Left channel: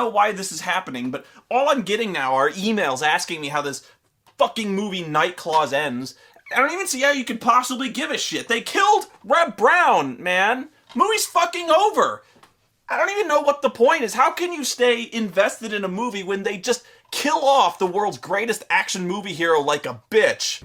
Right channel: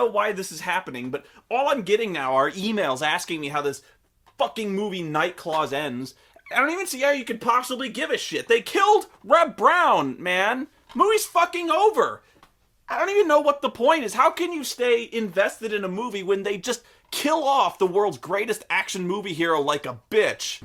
know why this is happening, but all I'm getting now are emails asking me how this fucking movie Night Claws ends. I don't even see how you could possibly give a shit. They killed Reba Browna, man. Movie's fucking over. I don't even know what the point is. How can you stay invested in a movie when they just kill off the world's greatest action movie hero like a bitch?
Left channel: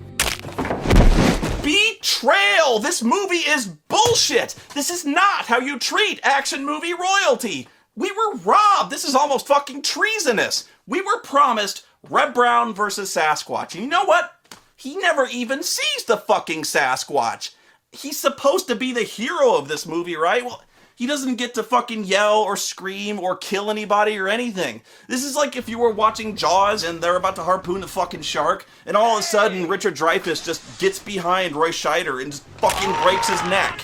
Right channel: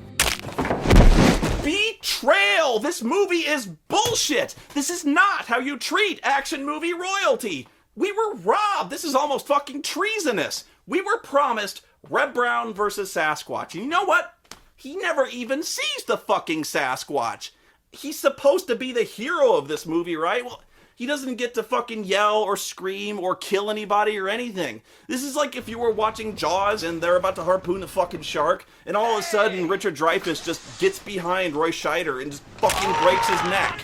Betrayal! This movie is bullshit! This is not how you treat action movie royalty! We were robbed! This is almost fucking treasonous! We were promised Reba Browna versus Sasquatch. And you know what? He never even sees the fucking Sasquatch. He's supposed to be the hero of this movie, right? Well, he doesn't get to fucking yell or scream or kill anybody or anything. This is like if you were watching Jaws and they're about to harpoon a fucking shark, and all of a sudden Richard Dreyfuss just gets behind Roy Scheider and just fucking breaks his neck.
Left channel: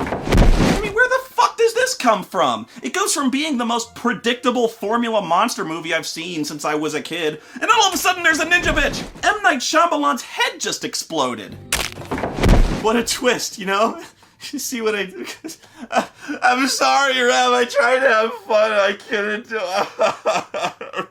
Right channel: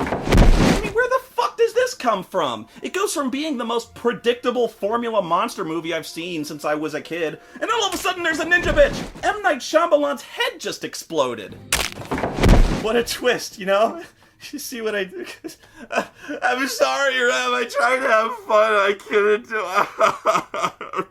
I mean, where the fuck does this come from? It goes from being the most predictable formula monster movie I've seen since I was a kid, and then all of a sudden there's a ninja bitch! M. Night Shyamalan's head just exploded. What a twist, you know? You see what I do? I'm sorry, Reb. I tried to have fun. I couldn't do it.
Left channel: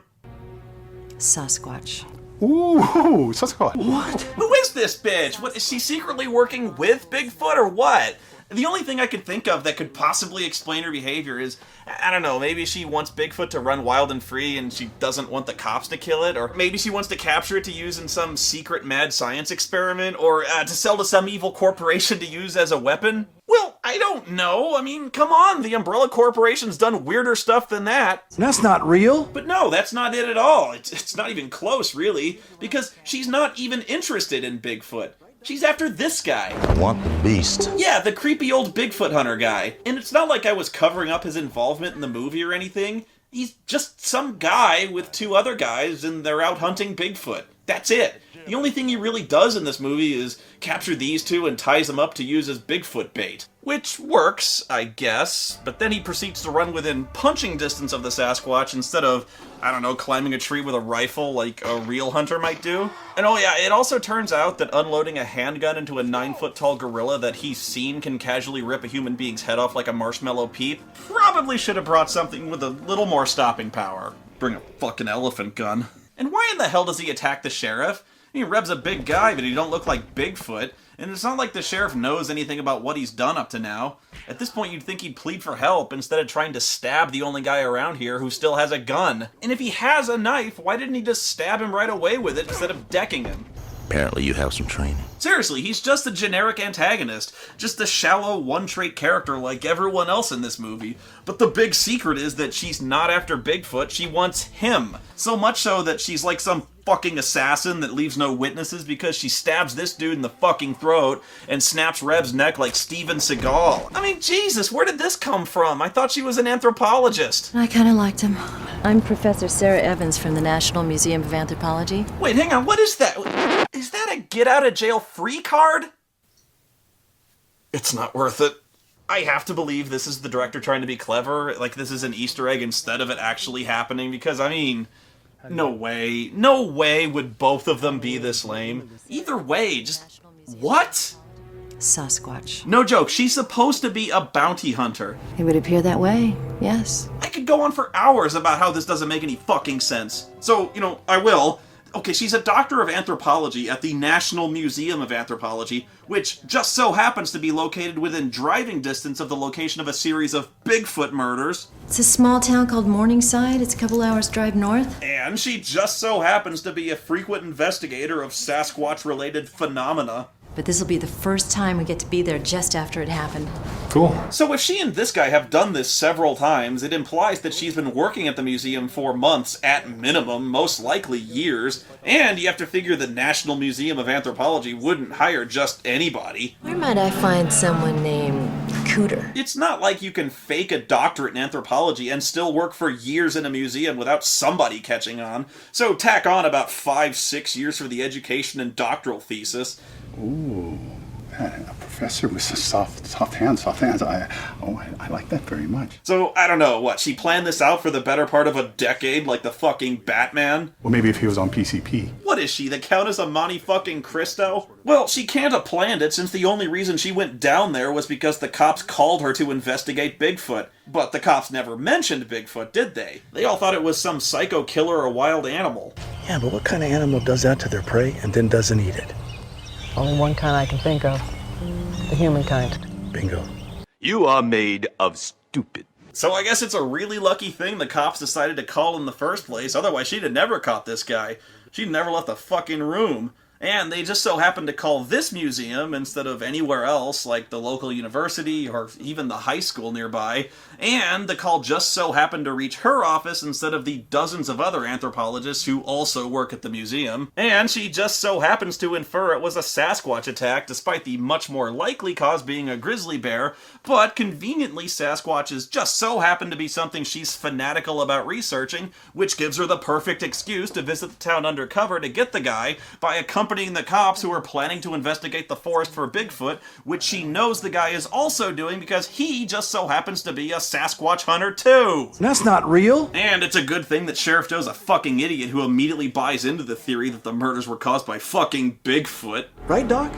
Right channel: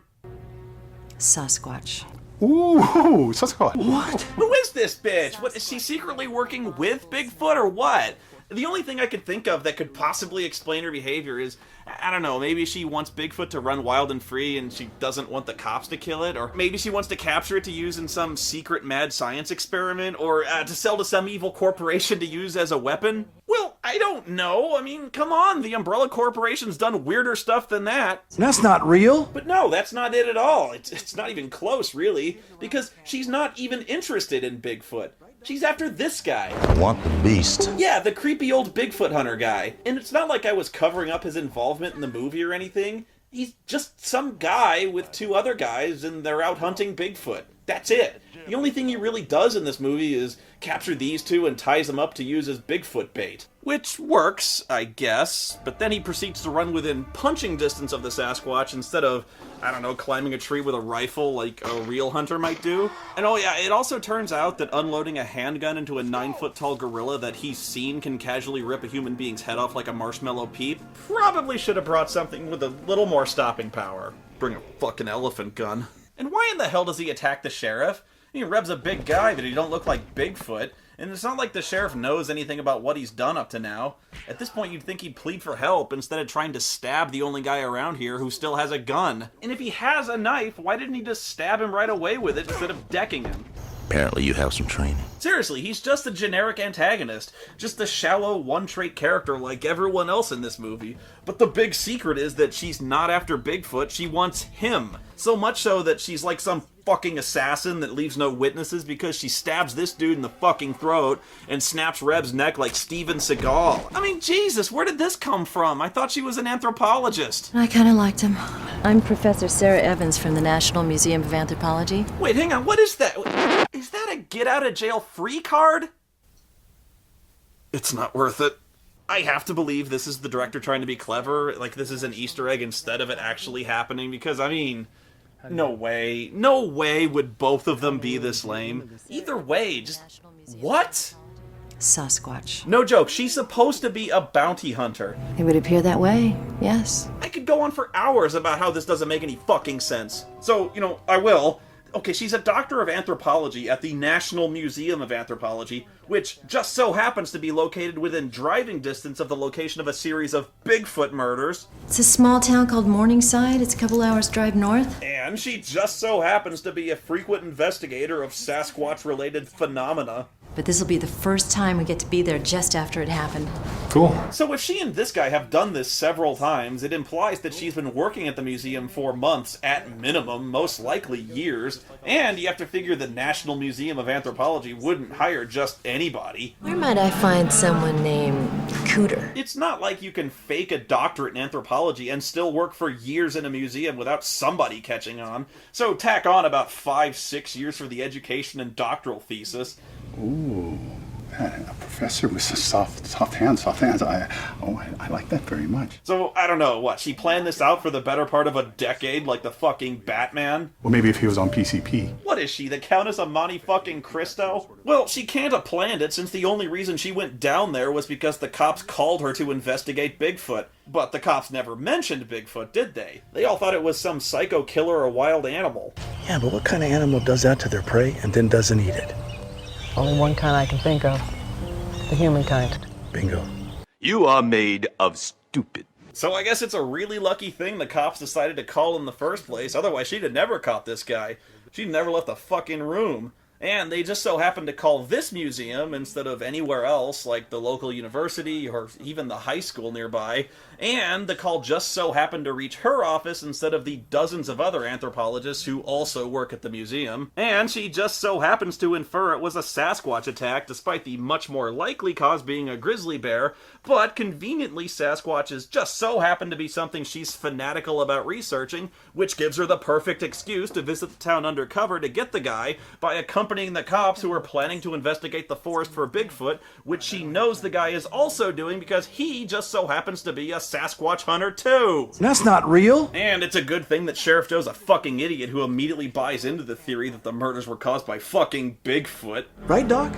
Sasquatch. Ooh, Sasquatch. What? Who is this bitch? What, is she secretly working with Bigfoot or what? The only thing I could think of that could possibly explain her behavior is, I don't know, maybe she wants Bigfoot to run wild and free and she doesn't want the cops to kill it, or maybe she wants to capture it to use in some secret mad science experiment, or to sell to some evil corporation to use as a weapon. Well, I don't know. I mean, come on, the Umbrella Corporation's done weirder stuff than that. That's not real. But no, that's not it at all. It's not even close, really, because she's not even interested in Bigfoot. She's after this guy. Want the beast. Yeah, the creepy old Bigfoot hunter guy. And it's not like I was covering up his involvement in the movie or anything. He's just some guy with two other guys and they're out hunting Bigfoot. That's it. The only thing he really does in this movie is capture these two and ties them up to use as Bigfoot bait. Which works, I guess, but then he proceeds to run within punching distance of the Sasquatch instead of, I don't know, climbing a tree with a rifle like a real hunter might do. And oh yeah, it also turns out that unloading a handgun into a 9-foot-tall gorilla that he's seen can casually rip a human being's head off like a marshmallow peep probably should have brought something with a little more stopping power. Bring a fucking elephant gun. And why in the hell does he attack the sheriff? I mean, Reb's a big guy, but he don't look like Bigfoot. And it's not like the sheriff knows anything about what he's done up to now. At this point, you'd think he'd plead for help instead of trying to stab the only guy around here who still has a gun. And if he has a knife, why didn't he just stab him right away with it instead of decking him? Apparently you have some training. Seriously, he's just a generic antagonist. Just a shallow, one-trait character like everyone else in this movie. But the big secret is that she's not after Bigfoot, she wants him. So much so that she's like some fucking assassin that leaves no witnesses because she stabs this dude in the fucking throat and snaps Reb's neck like Steven Seagal. I mean, Jesus, where did this come from? I thought she was an anthropologist. I kind of liked him. I'm Professor Sarah Evans from the National Museum of Anthropology. Wait, hang on, what is that? Is that a get-out-of-jail-free card? It's not worth it. I have to believe this is the director trying to be clever, like this is an Easter egg instead of it actually happening, because, I mean, no way would both of them be this lame. Either way, just, what? Sasquatch. No joke, she's supposed to be a bounty hunter. It would appear that way, yes. I could go on for hours about how this doesn't make any fucking sense. So, you know, I will. Okay, she's a doctor of anthropology at the National Museum of Anthropology, which just so happens to be located within driving distance of the location of a series of Bigfoot murders. It's a small town called Morningside. It's a couple hours drive north. And she just so happens to be a frequent investigator of Sasquatch-related phenomena. But this will be the first time we get to be there just after it happened. Cool. So if she and this guy have done this several times, it implies that she's been working at the museum for months, at minimum, most likely years, and you have to figure the National Museum of Anthropology wouldn't hire just anybody. Where might I find someone named Cooter? It's not like you can fake a doctorate in anthropology and still work for years in a museum without somebody catching on, so tack on about 5-6 years for the education and doctoral thesis. Ooh. A professor with soft hands. I like that very much. So, I don't know, what, she planned this out for the better part of a decade, like the fucking Batman? Well, maybe if he was on PCP. What is she, the Countess of Monte fucking Cristo? Well, she can't have planned it, since the only reason she went down there was because the cops called her to investigate Bigfoot. But the cops never mentioned Bigfoot, did they? They all thought it was some psycho killer or wild animal. Yeah, but what kind of animal does that to their prey and then doesn't eat it? Only one kind I can think of. The human kind. Bingo. You are made of stupid. So I guess it's a really lucky thing the cops decided to call in the first place, otherwise she'd have never caught this guy. She'd never left the fucking room. And they just so happened to call this museum instead of anywhere else, like the local university or even the high school nearby. And the call just so happened to reach her office instead of the dozens of other anthropologists who also work at the museum. And she just so happens to infer it was a Sasquatch attack, despite the much more likely cause being a grizzly bear. But conveniently, Sasquatches just so happen to be something she's fanatical about researching, which gives her the perfect excuse to visit the town undercover to get the guy by accompanying the cops who are planning to investigate the forest for Bigfoot, which she knows the guy is also doing because he just so happens to be a Sasquatch hunter too. That's not real. And it's a good thing that Sheriff Joe's a fucking idiot who immediately buys into the theory that the murders were caused by fucking Bigfoot. Right, Doc?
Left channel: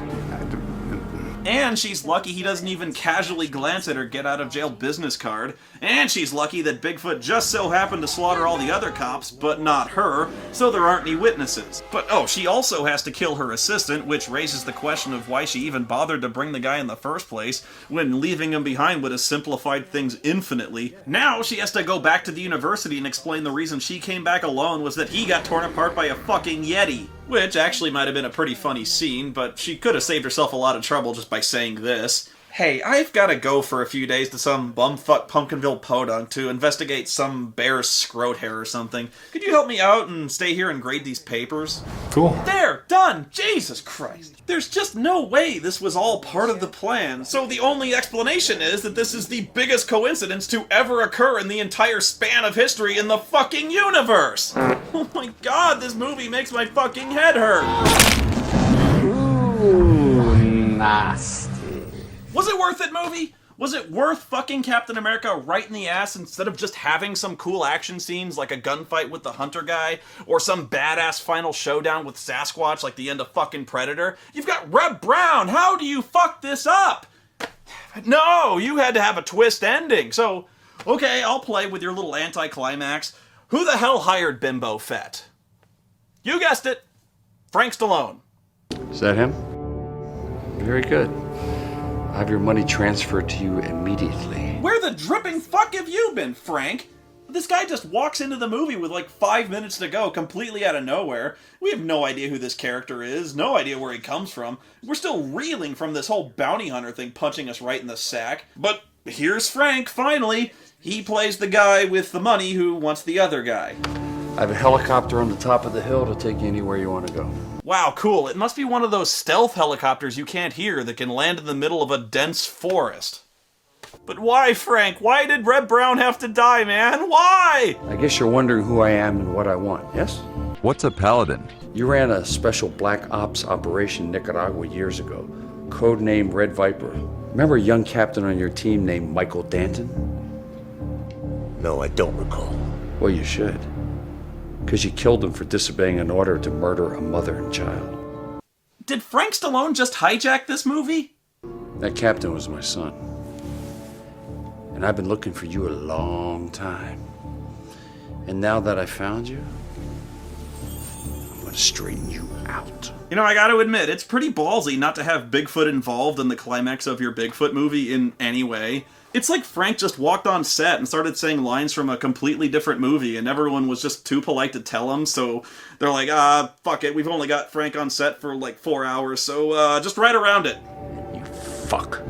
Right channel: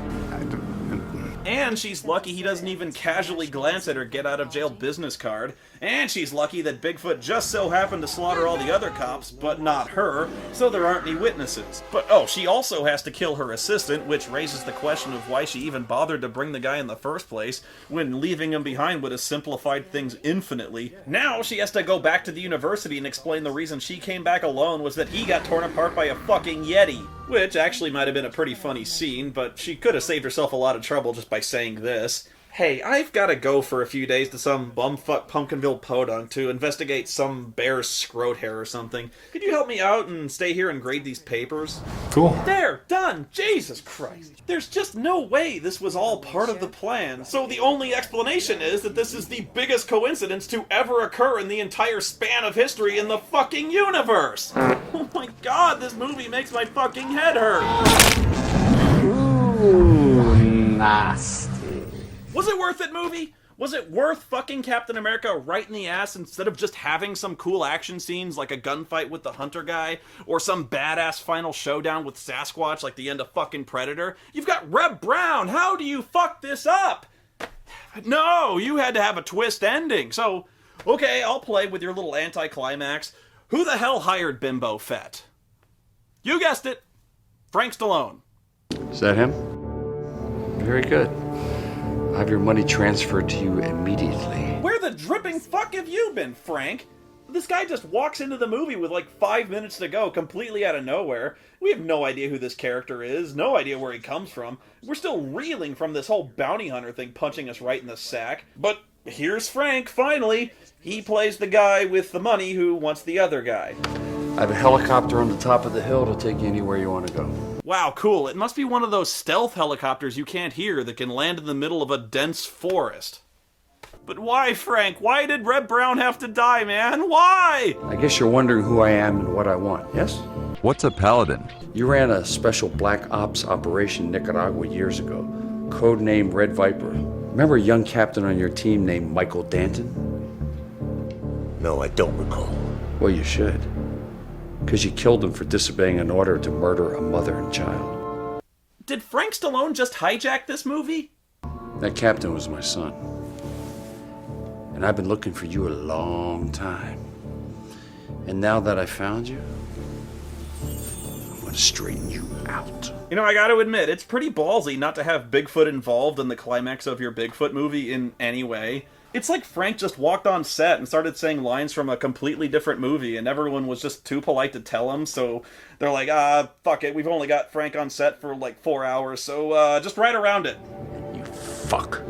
And she's lucky he doesn't even casually glance at her get out of jail business card. And she's lucky that Bigfoot just so happened to slaughter all the other cops, but not her, so there aren't any witnesses. But oh, she also has to kill her assistant, which raises the question of why she even bothered to bring the guy in the first place, when leaving him behind would have simplified things infinitely. Now she has to go back to the university and explain the reason she came back alone was that he got torn apart by a fucking Yeti. Which actually might have been a pretty funny scene, but she could have saved herself a lot of trouble just by saying this. Hey, I've gotta go for a few days to some bumfuck Pumpkinville podunk to investigate some bear's scrot hair or something. Could you help me out and stay here and grade these papers? Cool. There! Done! Jesus Christ! There's just no way this was all part of the plan, so the only explanation is that this is the biggest coincidence to ever occur in the entire span of history in the fucking universe! Oh my god, this movie makes my fucking head hurt! Ooh, nasty. Was it worth it, movie? Was it worth fucking Captain America right in the ass instead of just having some cool action scenes like a gunfight with the hunter guy or some badass final showdown with Sasquatch like the end of fucking Predator? You've got Reba Browna. How do you fuck this up? No, you had to have a twist ending. So, okay, I'll play with your little anticlimax. Who the hell hired Bimbo Fett? You guessed it. Frank Stallone. Is that him? Very good. I'll have your money transferred to you immediately. Where the dripping fuck have you been, Frank? This guy just walks into the movie with like 5 minutes to go, completely out of nowhere. We have no idea who this character is, no idea where he comes from. We're still reeling from this whole bounty hunter thing punching us right in the sack. But here's Frank, finally. He plays the guy with the money who wants the other guy. I have a helicopter on the top of the hill to take you anywhere you want to go. Wow, cool. It must be one of those stealth helicopters you can't hear that can land in the middle of a dense forest. But why, Frank? Why did Reba Browna have to die, man? Why? I guess you're wondering who I am and what I want, yes? What's a paladin? You ran a special black ops operation in Nicaragua years ago. Codename Red Viper. Remember a young captain on your team named Michael Danton? No, I don't recall. Well, you should. Because you killed him for disobeying an order to murder a mother and child. Did Frank Stallone just hijack this movie? That captain was my son. And I've been looking for you a long time. And now that I found you, I'm gonna straighten you out. You know, I gotta admit, it's pretty ballsy not to have Bigfoot involved in the climax of your Bigfoot movie in any way. It's like Frank just walked on set and started saying lines from a completely different movie, and everyone was just too polite to tell him, so they're like, fuck it, we've only got Frank on set for like 4 hours, so just write around it. You fuck.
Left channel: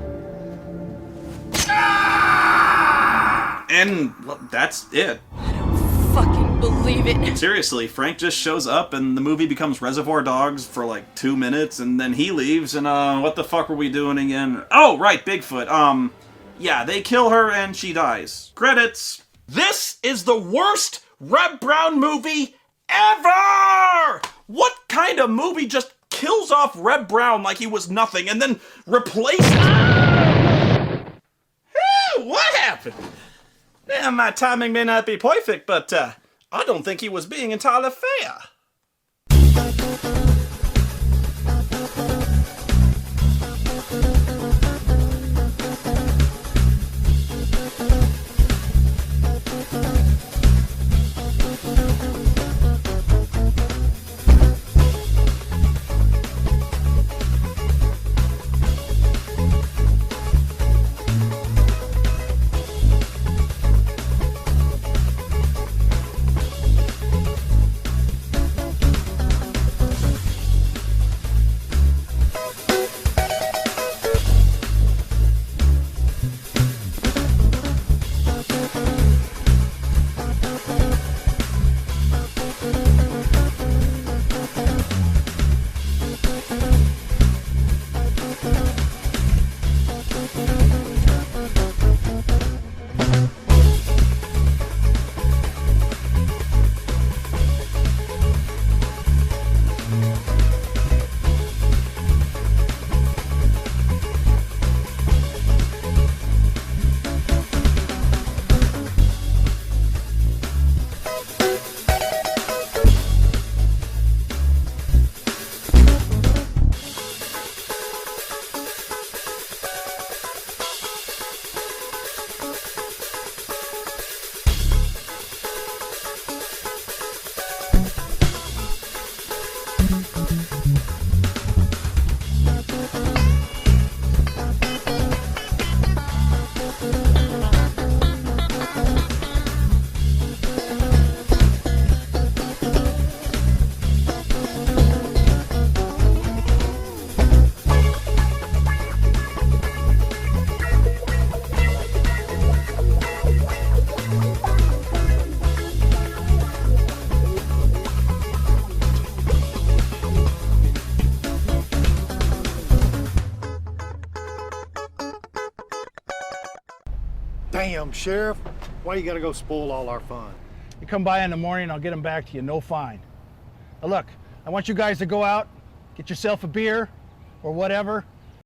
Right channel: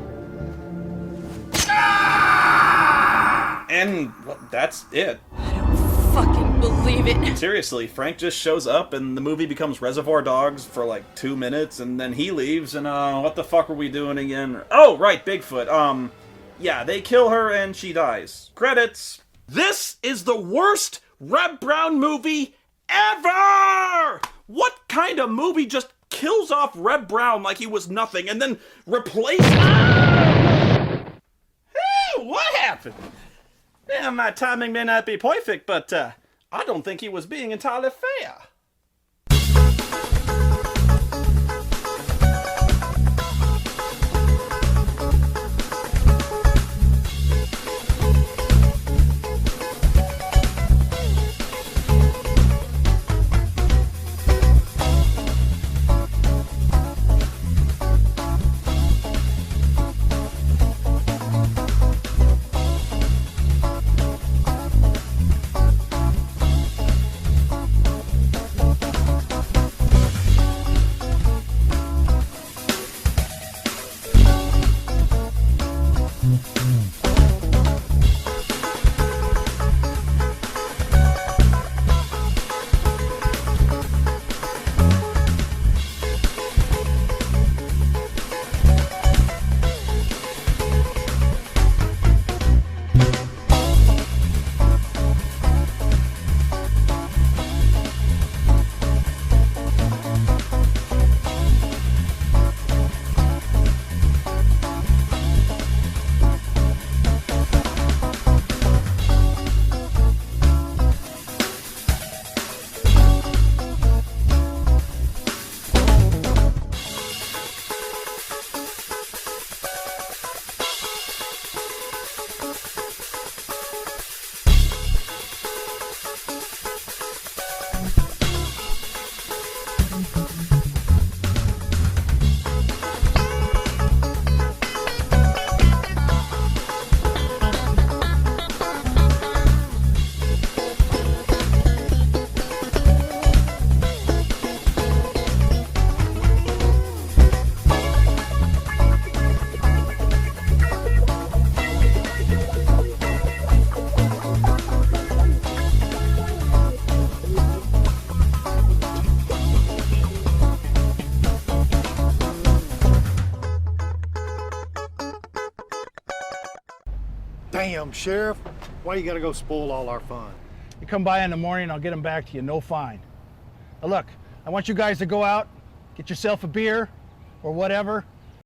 And, well, that's it. I don't fucking believe it. Seriously, Frank just shows up and the movie becomes Reservoir Dogs for like 2 minutes, and then he leaves, and what the fuck were we doing again? Oh, right, Bigfoot, yeah, they kill her and she dies. Credits. This is the worst Reba Browna movie ever! What kind of movie just kills off Reb Brown like he was nothing, and then replaces him. What happened? Yeah, my timing may not be perfect, but I don't think he was being entirely fair. Damn, Sheriff. Why you gotta go spoil all our fun? You come by in the morning, I'll get them back to you, no fine. Now look, I want you guys to go out, get yourself a beer or whatever,